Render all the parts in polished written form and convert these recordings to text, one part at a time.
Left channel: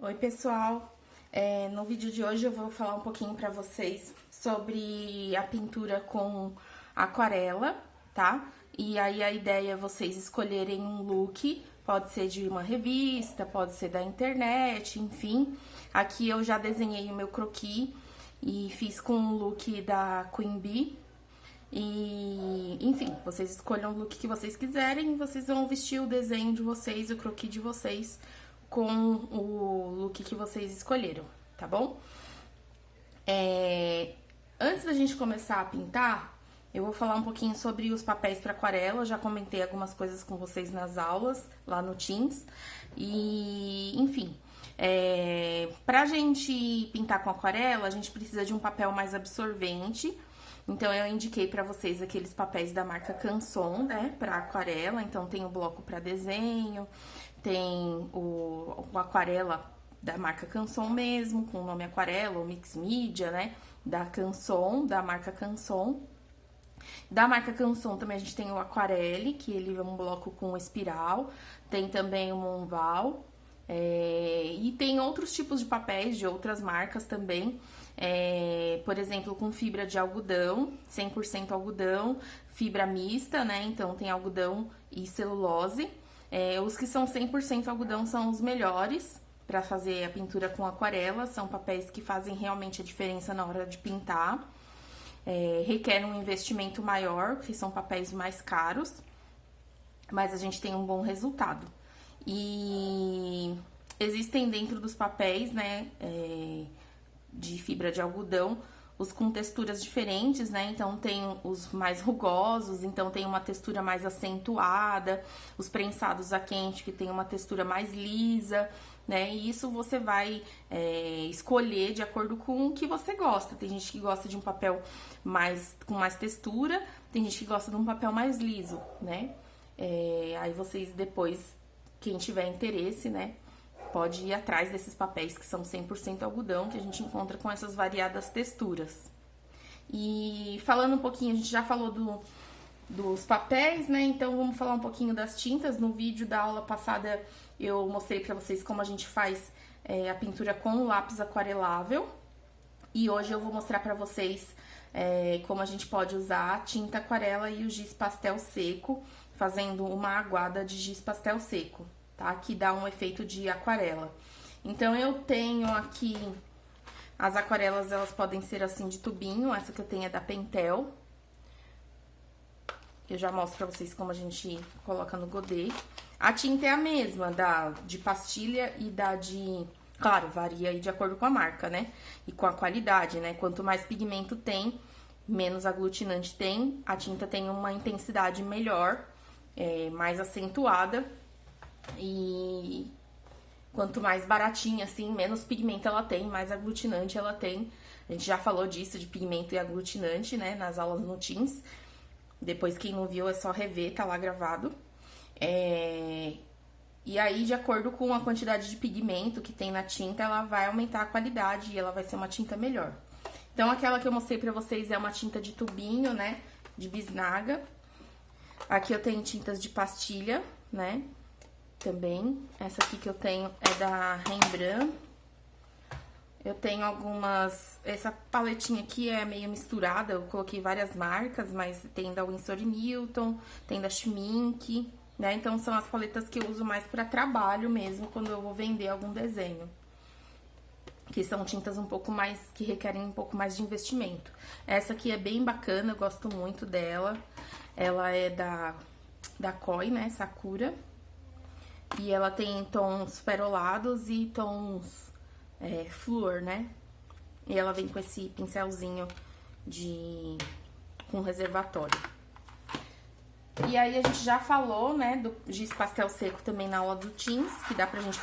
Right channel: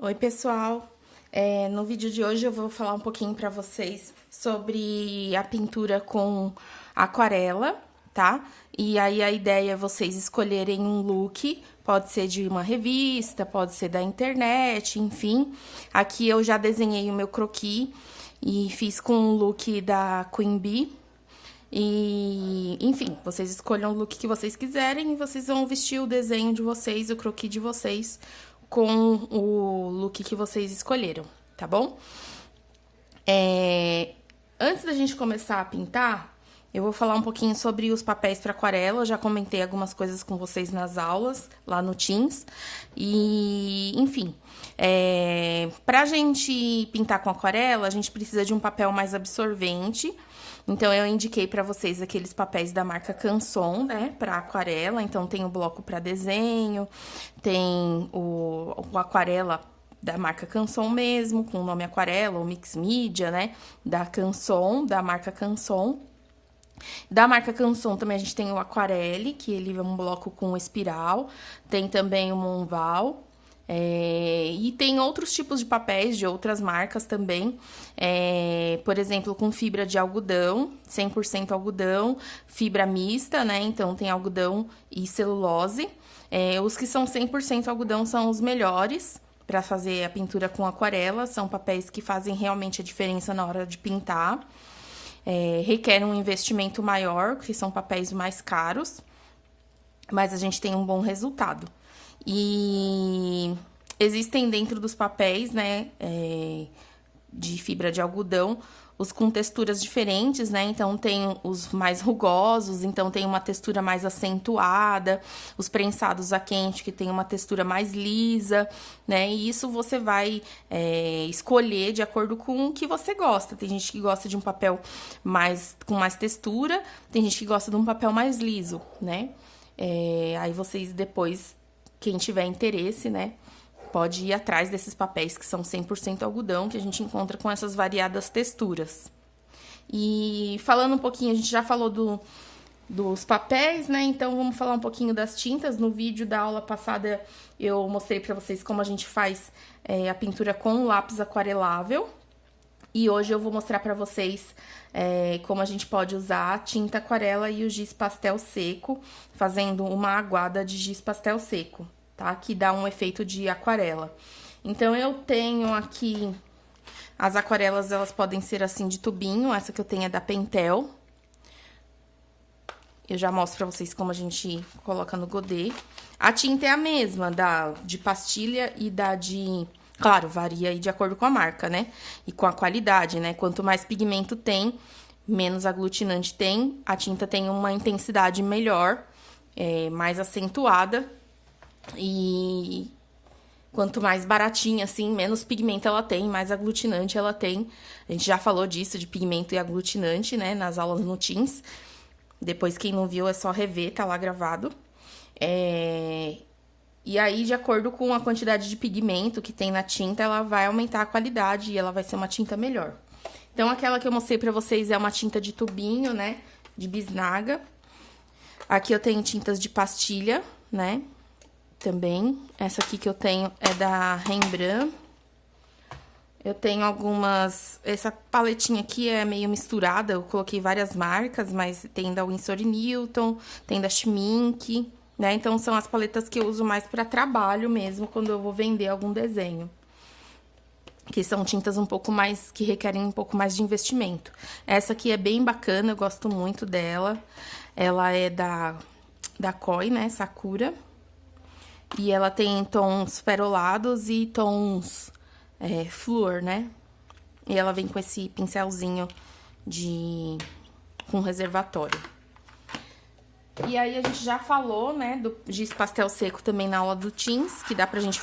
Oi, pessoal! No vídeo de hoje eu vou falar um pouquinho pra vocês sobre a pintura com aquarela, tá? E aí a ideia é vocês escolherem um look, pode ser de uma revista, pode ser da internet, enfim. Aqui eu já desenhei o meu croquis e fiz com um look da Queen Bee. E, enfim, vocês escolham o look que vocês quiserem e vocês vão vestir o desenho de vocês, o croquis de vocês, com o look que vocês escolheram, tá bom? Antes da gente começar a pintar, eu vou falar um pouquinho sobre os papéis para aquarela. Eu já comentei algumas coisas com vocês nas aulas, lá no Teams. E, enfim, pra gente pintar com aquarela, a gente precisa de um papel mais absorvente. Então, eu indiquei pra vocês aqueles papéis da marca Canson, né, pra aquarela. Então, tem o bloco pra desenho, tem o aquarela da marca Canson mesmo, com o nome aquarela, ou mix media, né, da Canson, da marca Canson. Da marca Canson também a gente tem o aquarele, que ele é um bloco com espiral, tem também o Monval. E tem outros tipos de papéis de outras marcas também, por exemplo, com fibra de algodão, 100% algodão, fibra mista, né? Então tem algodão e celulose. Os que são 100% algodão são os melhores para fazer a pintura com aquarela, são papéis que fazem realmente a diferença na hora de pintar. Requer um investimento maior, que são papéis mais caros, mas a gente tem um bom resultado. E existem dentro dos papéis, né, de fibra de algodão, os com texturas diferentes, né? Então tem os mais rugosos, então tem uma textura mais acentuada, os prensados a quente que tem uma textura mais lisa, né? E isso você vai escolher de acordo com o que você gosta. Tem gente que gosta de um papel com mais textura, tem gente que gosta de um papel mais liso, né? Aí vocês depois, quem tiver interesse, né, pode ir atrás desses papéis que são 100% algodão, que a gente encontra com essas variadas texturas. E falando um pouquinho, a gente já falou dos papéis, né, então vamos falar um pouquinho das tintas. No vídeo da aula passada eu mostrei pra vocês como a gente faz a pintura com lápis aquarelável. E hoje eu vou mostrar pra vocês como a gente pode usar a tinta aquarela e o giz pastel seco, fazendo uma aguada de giz pastel seco, tá? Que dá um efeito de aquarela. Então, eu tenho aqui as aquarelas, elas podem ser assim de tubinho, essa que eu tenho é da Pentel. Eu já mostro pra vocês como a gente coloca no godê. A tinta é a mesma, de pastilha e da de... Claro, varia aí de acordo com a marca, né? E com a qualidade, né? Quanto mais pigmento tem, menos aglutinante tem. A tinta tem uma intensidade melhor, mais acentuada. E quanto mais baratinha, assim, menos pigmento ela tem, mais aglutinante ela tem. A gente já falou disso, de pigmento e aglutinante, né? Nas aulas no Teams. Depois, quem não viu, é só rever, tá lá gravado. E aí, de acordo com a quantidade de pigmento que tem na tinta, ela vai aumentar a qualidade e ela vai ser uma tinta melhor. Então, aquela que eu mostrei pra vocês é uma tinta de tubinho, né? De bisnaga. Aqui eu tenho tintas de pastilha, né? Também. Essa aqui que eu tenho é da Rembrandt. Eu tenho algumas... Essa paletinha aqui é meio misturada, eu coloquei várias marcas, mas tem da Winsor & Newton, tem da Schmincke, né? Então, são as paletas que eu uso mais para trabalho mesmo, quando eu vou vender algum desenho. Que são tintas um pouco mais, que requerem um pouco mais de investimento. Essa aqui é bem bacana, eu gosto muito dela. Ela é da Koi, né? Sakura. E ela tem tons perolados e tons flúor, né? E ela vem com esse pincelzinho com reservatório. E aí, a gente já falou, né, do giz pastel seco também na aula do Teams, que dá pra gente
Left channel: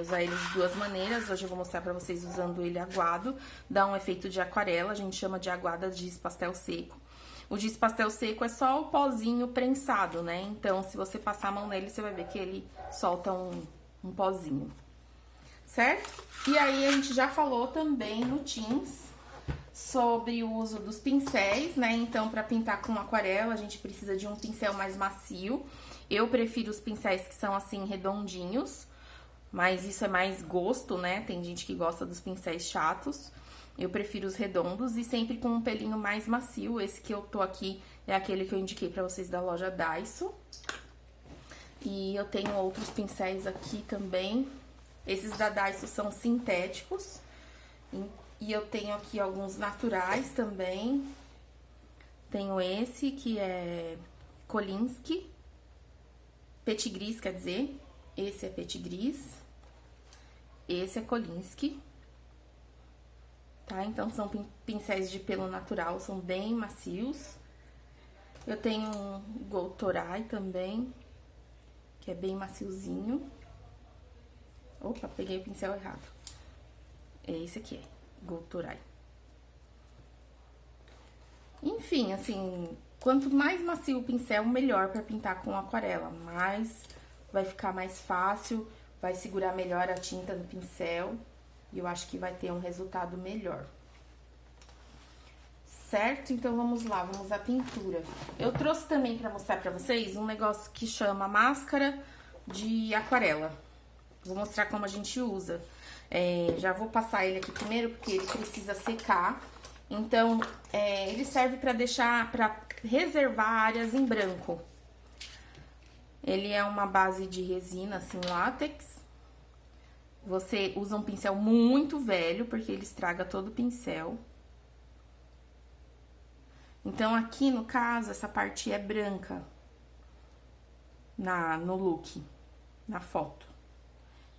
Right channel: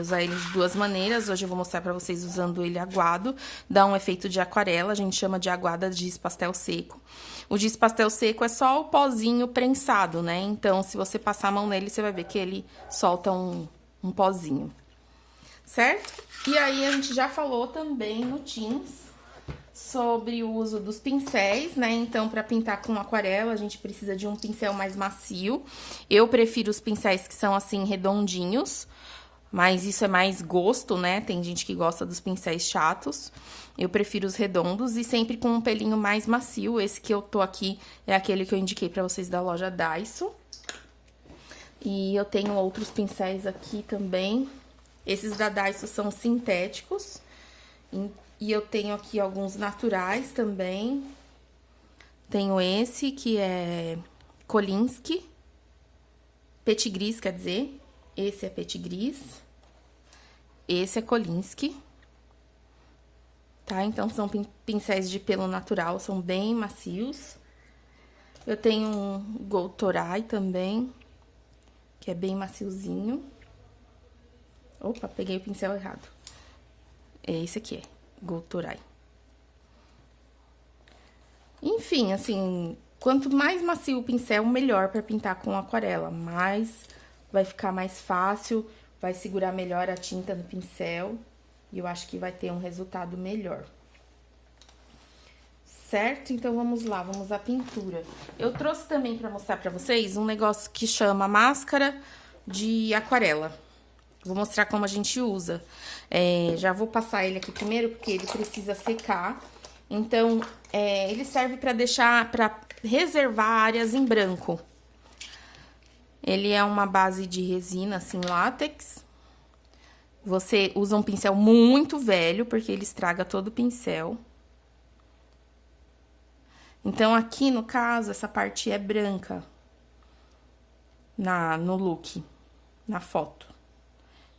usar ele de duas maneiras. Hoje eu vou mostrar pra vocês usando ele aguado, dá um efeito de aquarela, a gente chama de aguada de giz pastel seco. O giz pastel seco é só o pozinho prensado, né, então se você passar a mão nele, você vai ver que ele solta um pozinho, certo? E aí, a gente já falou também no Teams sobre o uso dos pincéis, né? Então, para pintar com aquarela, a gente precisa de um pincel mais macio. Eu prefiro os pincéis que são assim redondinhos, Mas isso é mais gosto, né? Tem gente que gosta dos pincéis chatos. Eu prefiro os redondos e sempre com um pelinho mais macio. Esse que eu tô aqui é aquele que eu indiquei pra vocês da loja Daiso. E eu tenho outros pincéis aqui também. Esses da Daiso são sintéticos. E eu tenho aqui alguns naturais também. Tenho esse que é Kolinsky. Petit Gris, quer dizer. Esse é Petit Gris. Esse é Kolinsky. Tá? Então, são pincéis de pelo natural, são bem macios. Eu tenho um Gold Toray também, que é bem maciozinho. Opa, peguei o pincel errado. É esse aqui, é Gold Toray. Enfim, assim, quanto mais macio o pincel, melhor para pintar com aquarela. Mais vai ficar mais fácil, vai segurar melhor a tinta no pincel. E eu acho que vai ter um resultado melhor. Certo? Então, vamos lá, vamos à pintura. Eu trouxe também para mostrar para vocês um negócio que chama máscara de aquarela. Vou mostrar como a gente usa. Já vou passar ele aqui primeiro, porque ele precisa secar. Então, ele serve para deixar, para reservar áreas em branco. Ele é uma base de resina, assim, látex. Você usa um pincel muito velho, porque ele estraga todo o pincel. Então, aqui, no caso, essa parte é branca no look, na foto.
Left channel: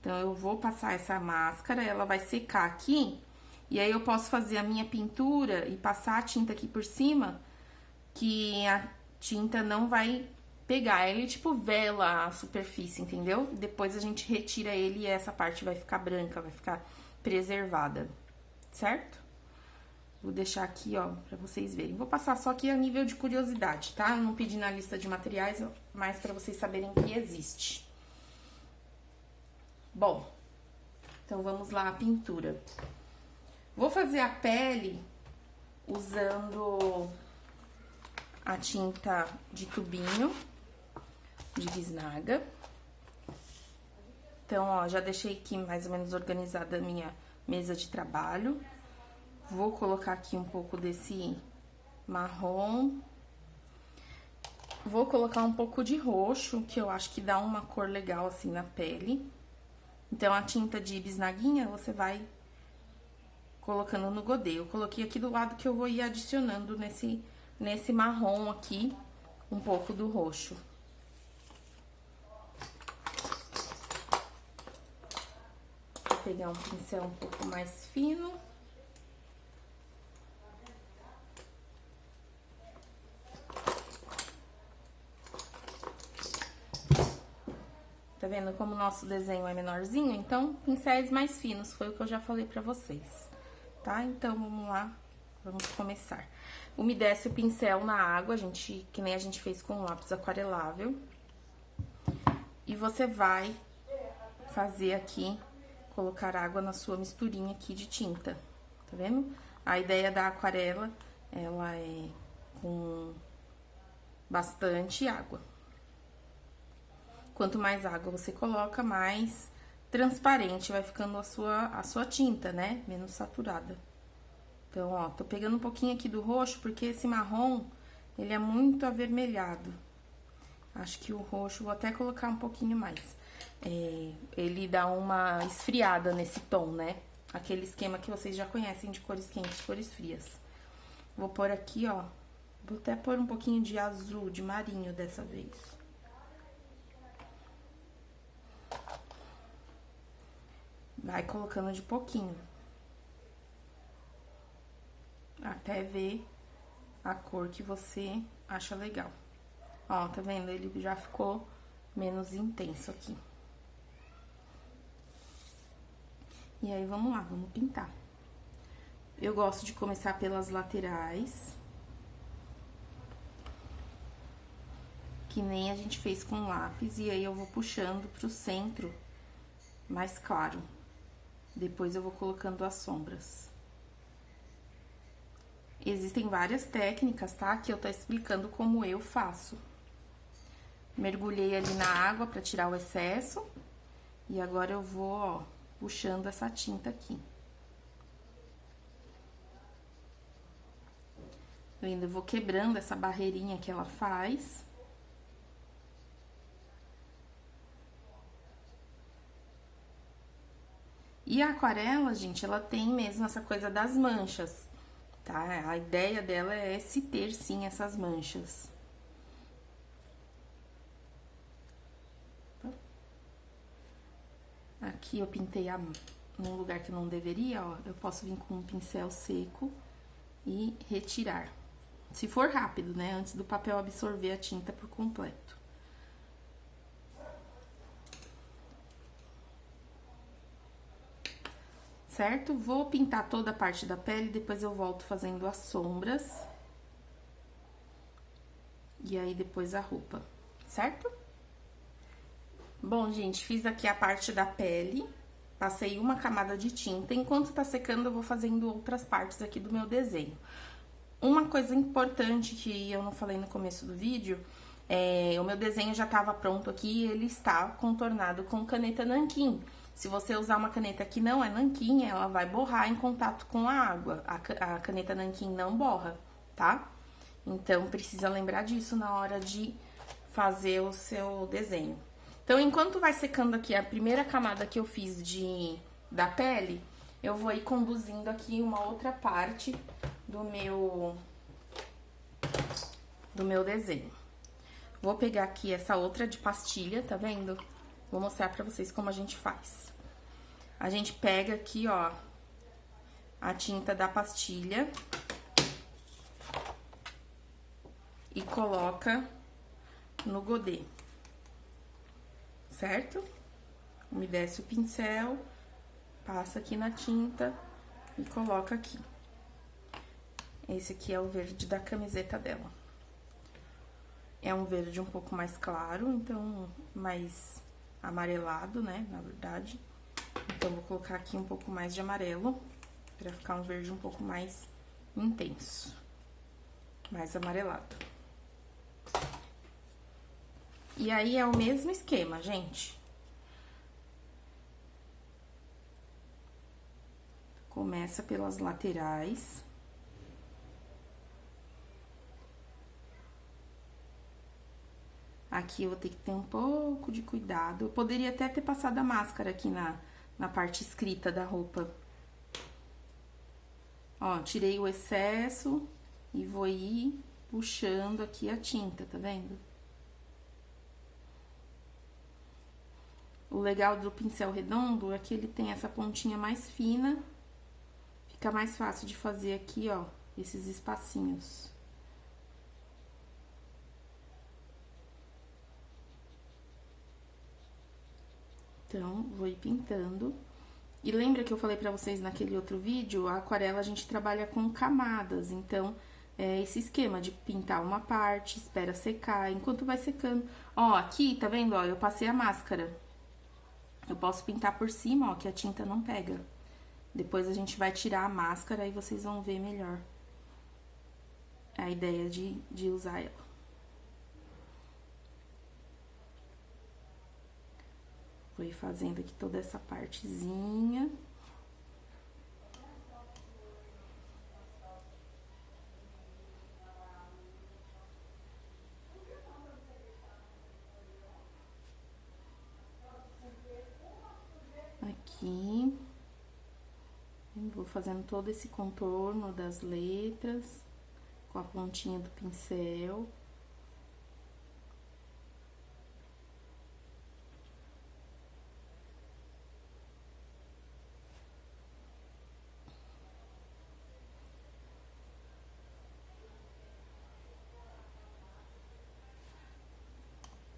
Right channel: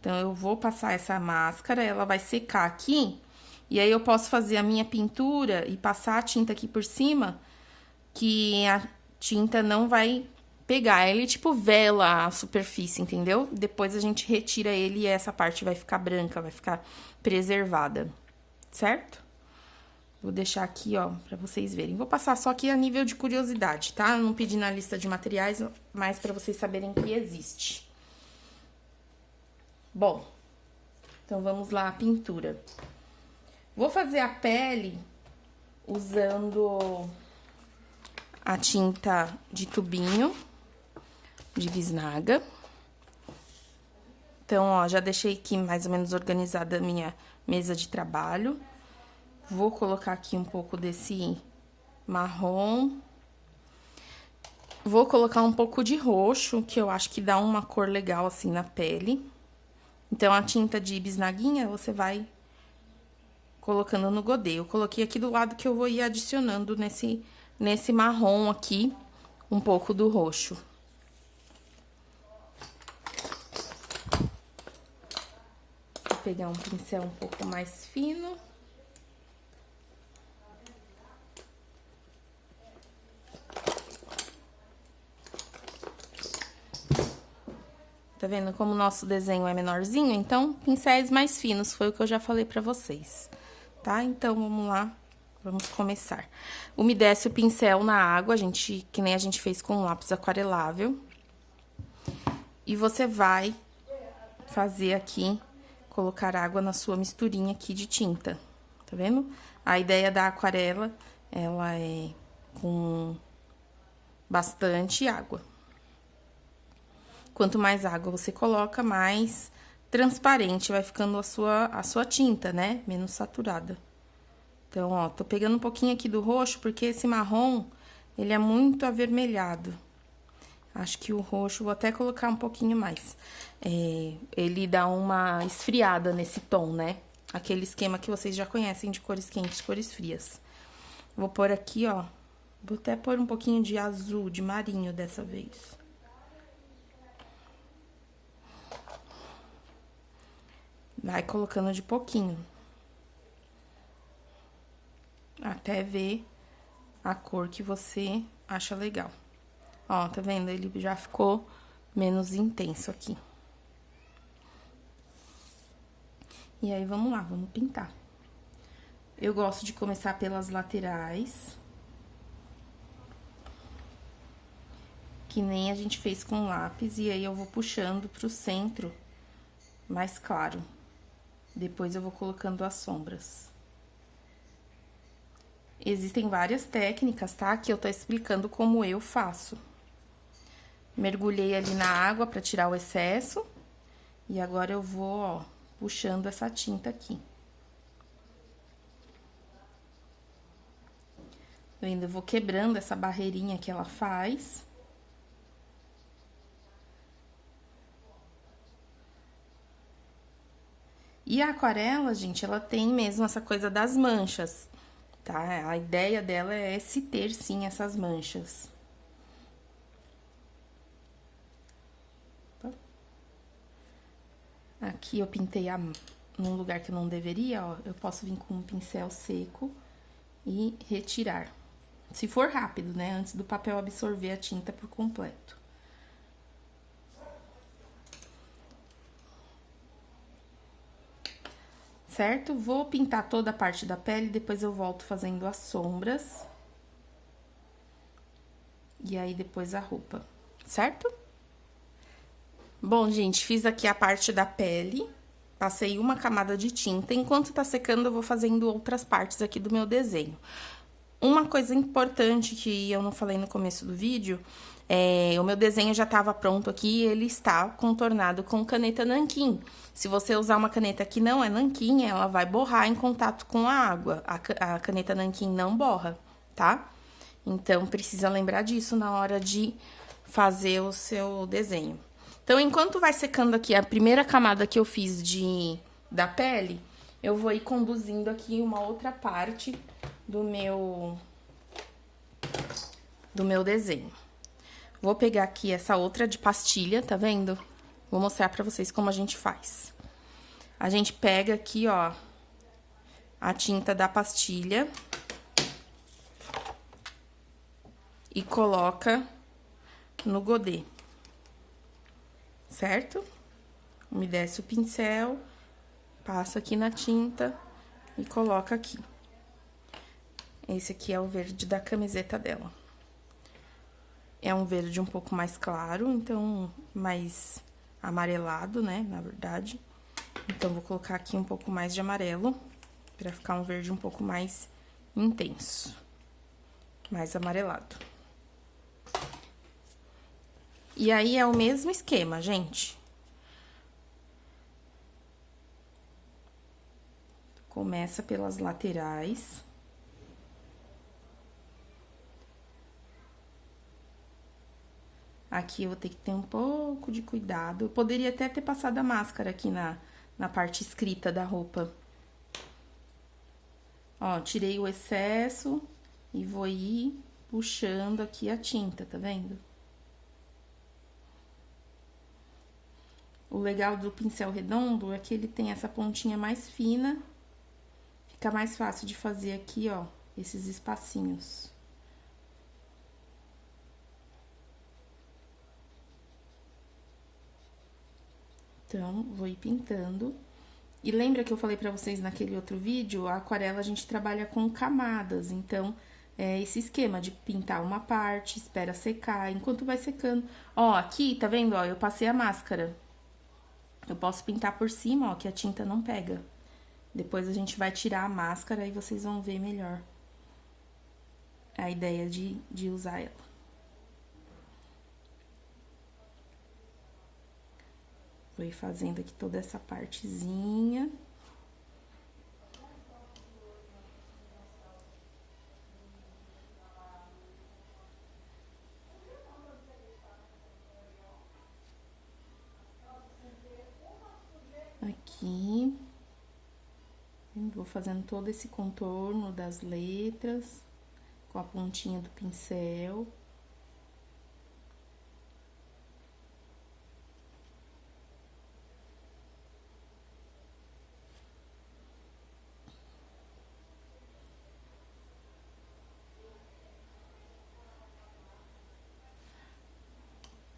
Então, eu vou passar essa máscara, ela vai secar aqui, e aí eu posso fazer a minha pintura e passar a tinta aqui por cima, que a tinta não vai pegar. Ele, tipo, vela a superfície, entendeu? Depois a gente retira ele e essa parte vai ficar branca, vai ficar preservada, certo? Vou deixar aqui, ó, pra vocês verem. Vou passar só aqui a nível de curiosidade, tá? Eu não pedi na lista de materiais, mas pra vocês saberem que existe. Bom, então vamos lá, a pintura. Vou fazer a pele usando a tinta de tubinho de bisnaga. Então, ó, já deixei aqui mais ou menos organizada a minha mesa de trabalho. Vou colocar aqui um pouco desse marrom. Vou colocar um pouco de roxo, que eu acho que dá uma cor legal assim na pele. Então, a tinta de bisnaguinha, você vai colocando no godê. Eu coloquei aqui do lado que eu vou ir adicionando nesse marrom aqui, um pouco do roxo. Vou pegar um pincel um pouco mais fino. Tá vendo como o nosso desenho é menorzinho? Então, pincéis mais finos, foi o que eu já falei pra vocês, tá? Então, vamos lá, vamos começar. Umedece o pincel na água, que nem a gente fez com o lápis aquarelável. E você vai fazer aqui, colocar água na sua misturinha aqui de tinta, tá vendo? A ideia da aquarela, ela é com bastante água. Quanto mais água você coloca, mais transparente vai ficando a sua tinta, né? Menos saturada. Então, ó, tô pegando um pouquinho aqui do roxo, porque esse marrom, ele é muito avermelhado. Acho que o roxo, vou até colocar um pouquinho mais. Ele dá uma esfriada nesse tom, né? Aquele esquema que vocês já conhecem de cores quentes, cores frias. Vou pôr aqui, ó, vou até pôr um pouquinho de azul, de marinho dessa vez. Vai colocando de pouquinho. Até ver a cor que você acha legal. Ó, tá vendo? Ele já ficou menos intenso aqui. E aí, vamos lá, vamos pintar. Eu gosto de começar pelas laterais. Que nem a gente fez com lápis. E aí, eu vou puxando pro centro mais claro. Depois, eu vou colocando as sombras. Existem várias técnicas, tá? Que eu tô explicando como eu faço. Mergulhei ali na água pra tirar o excesso. E agora eu vou, ó, puxando essa tinta aqui. Tá vendo? Eu vou quebrando essa barreirinha que ela faz. E a aquarela, gente, ela tem mesmo essa coisa das manchas, tá? A ideia dela é se ter, sim, essas manchas. Aqui eu pintei num lugar que não deveria, ó. Eu posso vir com um pincel seco e retirar. Se for rápido, né? Antes do papel absorver a tinta por completo. Certo? Vou pintar toda a parte da pele, depois eu volto fazendo as sombras. E aí, depois a roupa, certo? Bom, gente, fiz aqui a parte da pele, passei uma camada de tinta. Enquanto tá secando, eu vou fazendo outras partes aqui do meu desenho. Uma coisa importante que eu não falei no começo do vídeo, o meu desenho já estava pronto aqui e ele está contornado com caneta nanquim. Se você usar uma caneta que não é nanquim, ela vai borrar em contato com a água. A caneta nanquim não borra, tá? Então, precisa lembrar disso na hora de fazer o seu desenho. Então, enquanto vai secando aqui a primeira camada que eu fiz da pele, eu vou ir conduzindo aqui uma outra parte do meu desenho. Vou pegar aqui essa outra de pastilha, tá vendo? Vou mostrar pra vocês como a gente faz. A gente pega aqui, ó, a tinta da pastilha e coloca no godê, certo? Umedece o pincel, passa aqui na tinta e coloca aqui. Esse aqui é o verde da camiseta dela. É um verde um pouco mais claro, então mais amarelado, né, na verdade. Então, vou colocar aqui um pouco mais de amarelo, pra ficar um verde um pouco mais intenso, mais amarelado. E aí, é o mesmo esquema, gente. Começa pelas laterais. Aqui eu vou ter que ter um pouco de cuidado. Eu poderia até ter passado a máscara aqui na parte escrita da roupa. Ó, tirei o excesso e vou ir puxando aqui a tinta, tá vendo? O legal do pincel redondo é que ele tem essa pontinha mais fina. Fica mais fácil de fazer aqui, ó, esses espacinhos. Então, vou ir pintando. E lembra que eu falei pra vocês naquele outro vídeo? A aquarela a gente trabalha com camadas, então, é esse esquema de pintar uma parte, espera secar, enquanto vai secando. Ó, aqui, tá vendo? Ó, eu passei a máscara. Eu posso pintar por cima, ó, que a tinta não pega. Depois a gente vai tirar a máscara e vocês vão ver melhor a ideia de usar ela. Vou ir fazendo aqui toda essa partezinha. Aqui. Vou fazendo todo esse contorno das letras com a pontinha do pincel.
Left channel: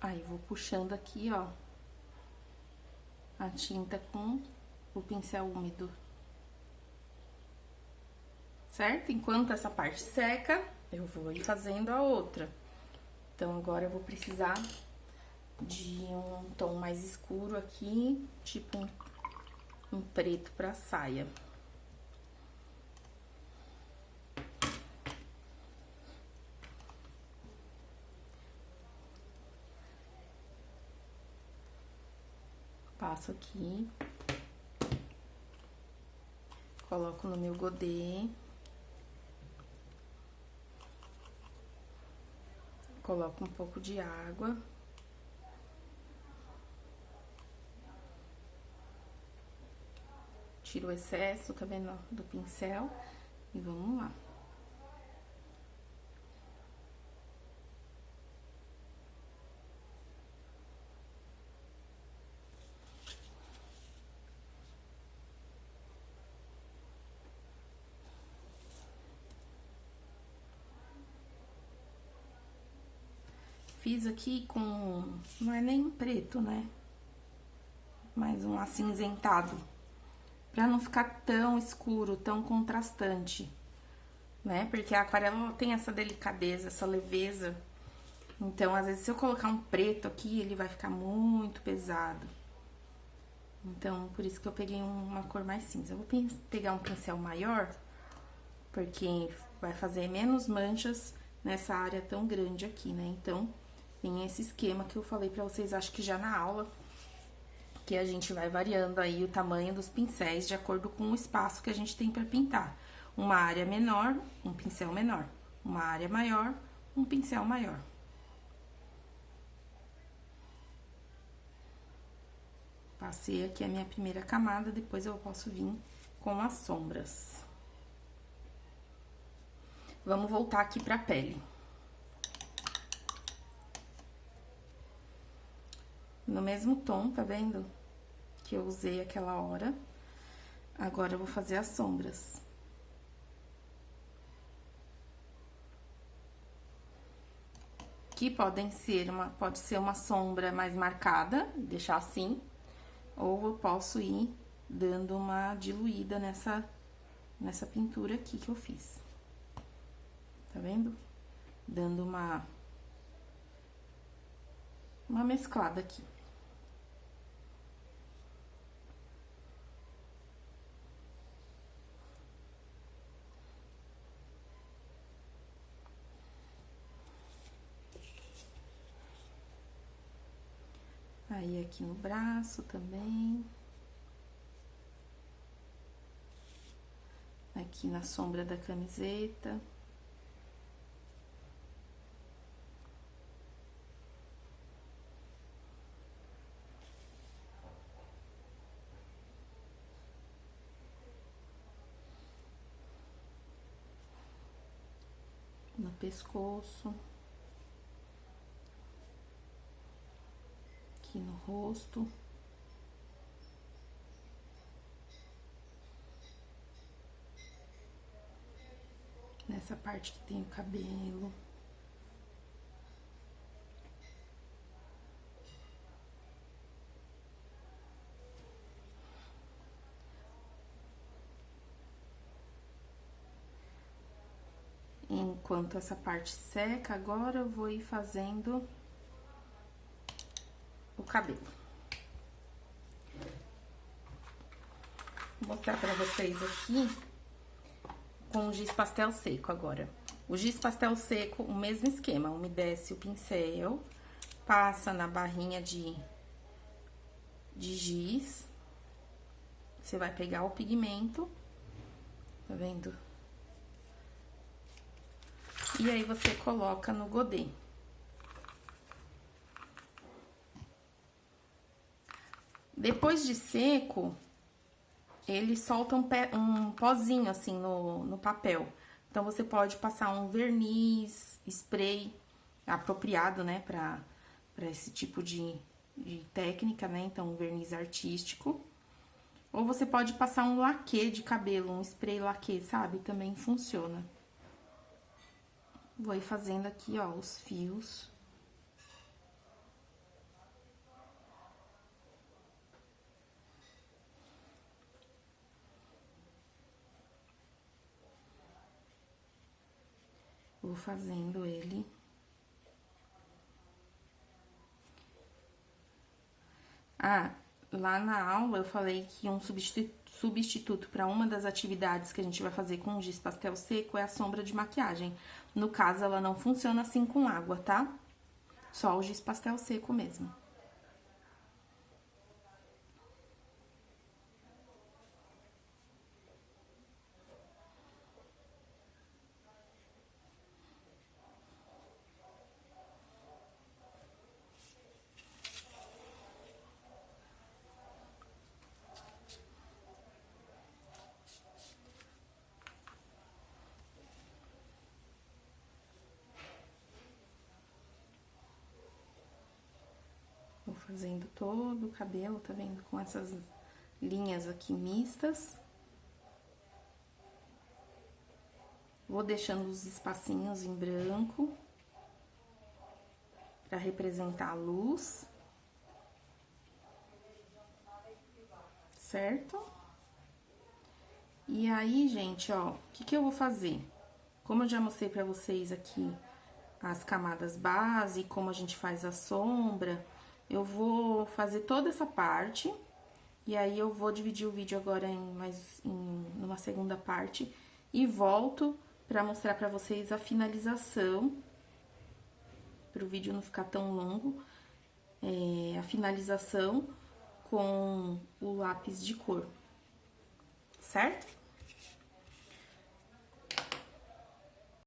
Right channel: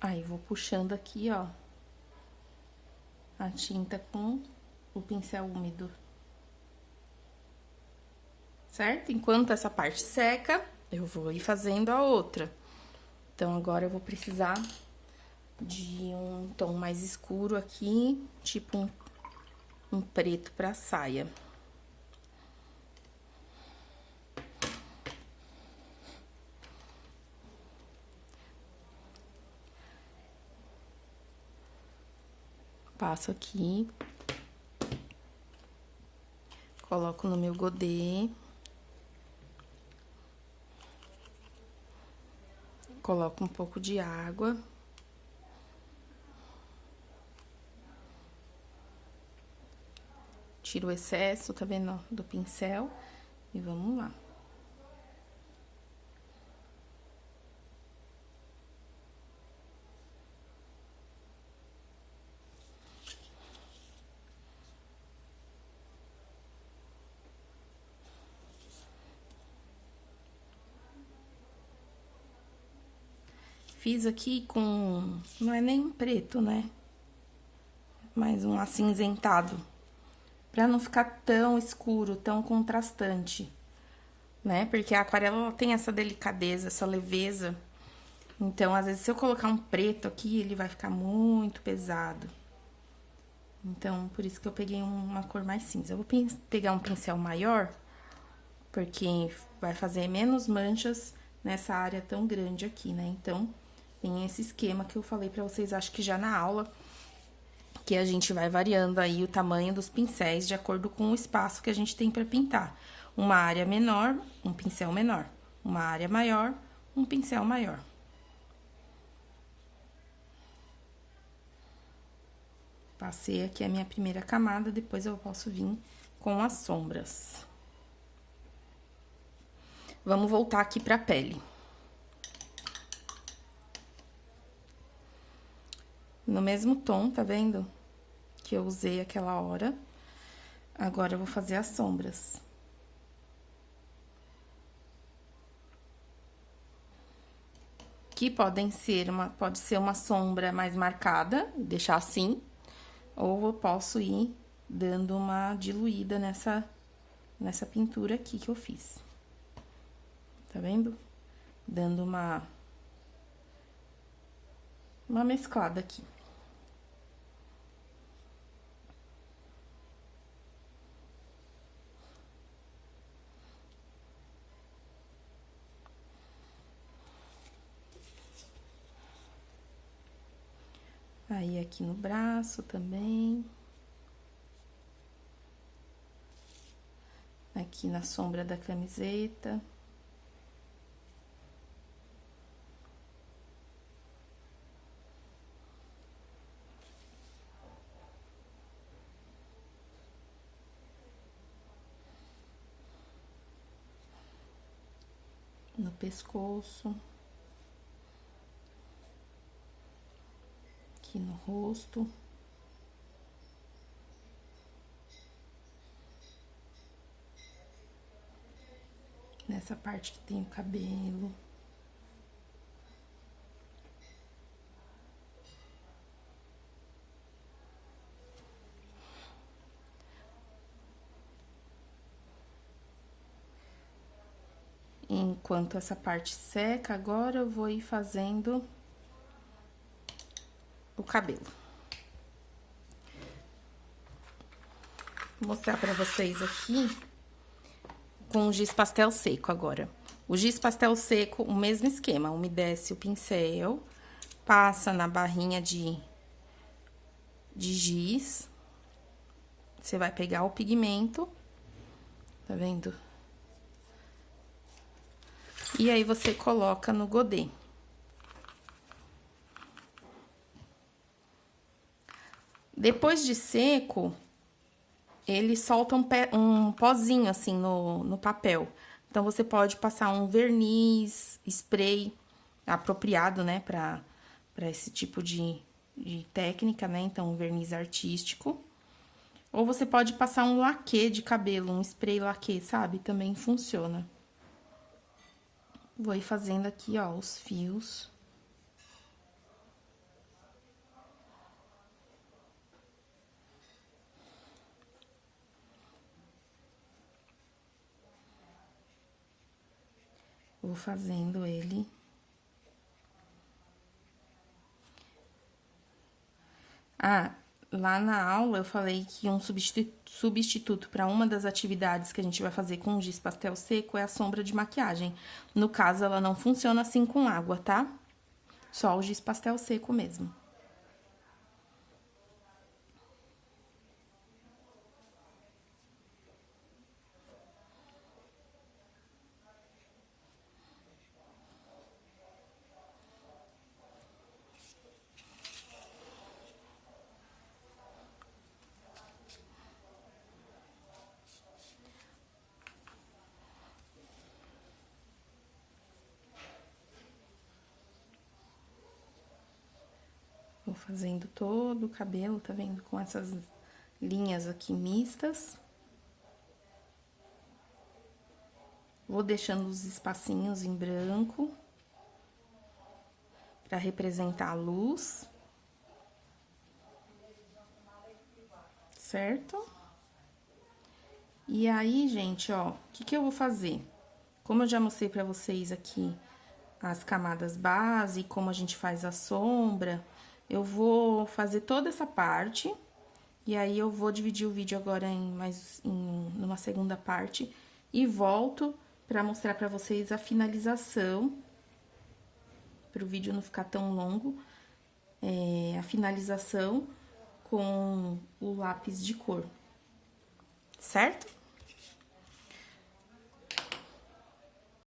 Aí, vou puxando aqui, ó, a tinta com o pincel úmido. Certo? Enquanto essa parte seca, eu vou ir fazendo a outra. Então, agora eu vou precisar de um tom mais escuro aqui, tipo um preto pra saia. passo aqui. Coloco no meu godê. Coloco um pouco de água. Tiro o excesso, tá vendo, do pincel. E vamos lá. Fiz aqui com... não é nem preto, né? Mas um acinzentado. Pra não ficar tão escuro, tão contrastante, né? Porque a aquarela, ela tem essa delicadeza, essa leveza. Então, às vezes, se eu colocar um preto aqui, ele vai ficar muito pesado. Então, por isso que eu peguei uma cor mais cinza. Eu vou pegar um pincel maior, porque vai fazer menos manchas nessa área tão grande aqui, né? Então, tem esse esquema que eu falei pra vocês, acho que já na aula, que a gente vai variando aí o tamanho dos pincéis de acordo com o espaço que a gente tem pra pintar. Uma área menor, um pincel menor. Uma área maior, um pincel maior. Passei aqui a minha primeira camada, depois eu posso vir com as sombras. Vamos voltar aqui pra pele. No mesmo tom, tá vendo? Que eu usei aquela hora. Agora, eu vou fazer as sombras. Que pode ser uma sombra mais marcada, deixar assim. Ou eu posso ir dando uma diluída nessa pintura aqui que eu fiz. Tá vendo? Dando uma mesclada aqui. Aí, aqui no braço também. Aqui na sombra da camiseta. No pescoço. Aqui no rosto. Nessa parte que tem o cabelo. Enquanto essa parte seca, agora eu vou ir fazendo o cabelo. Vou mostrar pra vocês aqui com o giz pastel seco agora. O giz pastel seco, o mesmo esquema, umedece o pincel, passa na barrinha de giz. Você vai pegar o pigmento, tá vendo? E aí, você coloca no godê. Depois de seco, ele solta um pozinho, assim, no papel. Então, você pode passar um verniz, spray apropriado, né, pra esse tipo de técnica, né? Então, um verniz artístico. Ou você pode passar um laquê de cabelo, um spray laquê, sabe? Também funciona. Vou ir fazendo aqui, ó, os fios. Vou fazendo ele. Ah, lá na aula eu falei que um substituto para uma das atividades que a gente vai fazer com o giz pastel seco é a sombra de maquiagem. No caso, ela não funciona assim com água, tá? Só o giz pastel seco mesmo. fazendo todo o cabelo, tá vendo? Com essas linhas aqui mistas. Vou deixando os espacinhos em branco para representar a luz. Certo? E aí, gente, ó, o que eu vou fazer? Como eu já mostrei pra vocês aqui as camadas base, como a gente faz a sombra, eu vou fazer toda essa parte, e aí eu vou dividir o vídeo agora numa segunda parte, e volto pra mostrar pra vocês a finalização, pro vídeo não ficar tão longo, a finalização com o lápis de cor, certo?